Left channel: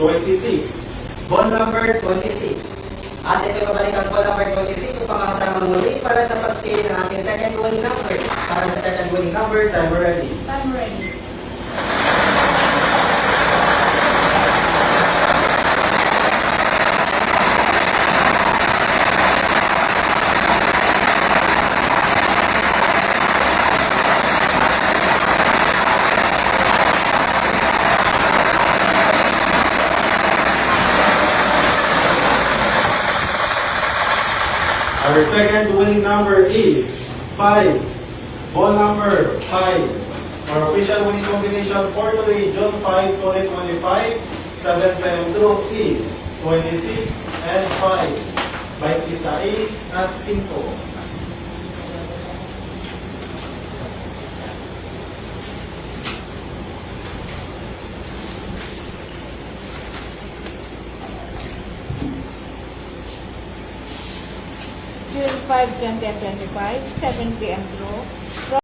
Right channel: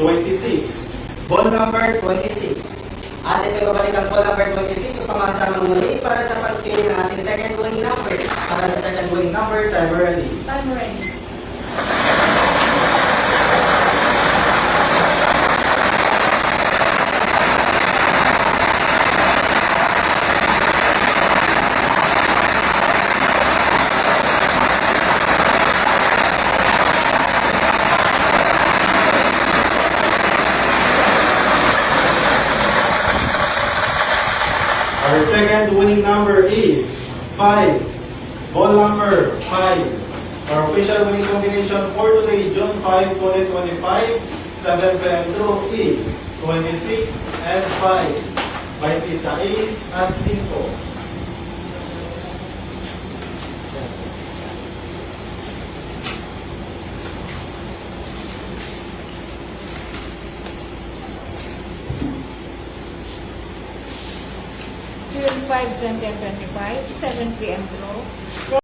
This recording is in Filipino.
26. Ball number 26. Atin kayo babalik ang ball number 26 upang masamang muli para sa pagpili ng ating second winning number. Para sa second winning number, timer ready. Time ready. Our second winning number is 5. Ball number 5. Our official winning combination for today, June 5, 2025, 7 p.m. draw is 26 and 5. 26 at 5. June 5, 2025, 7 p.m. draw.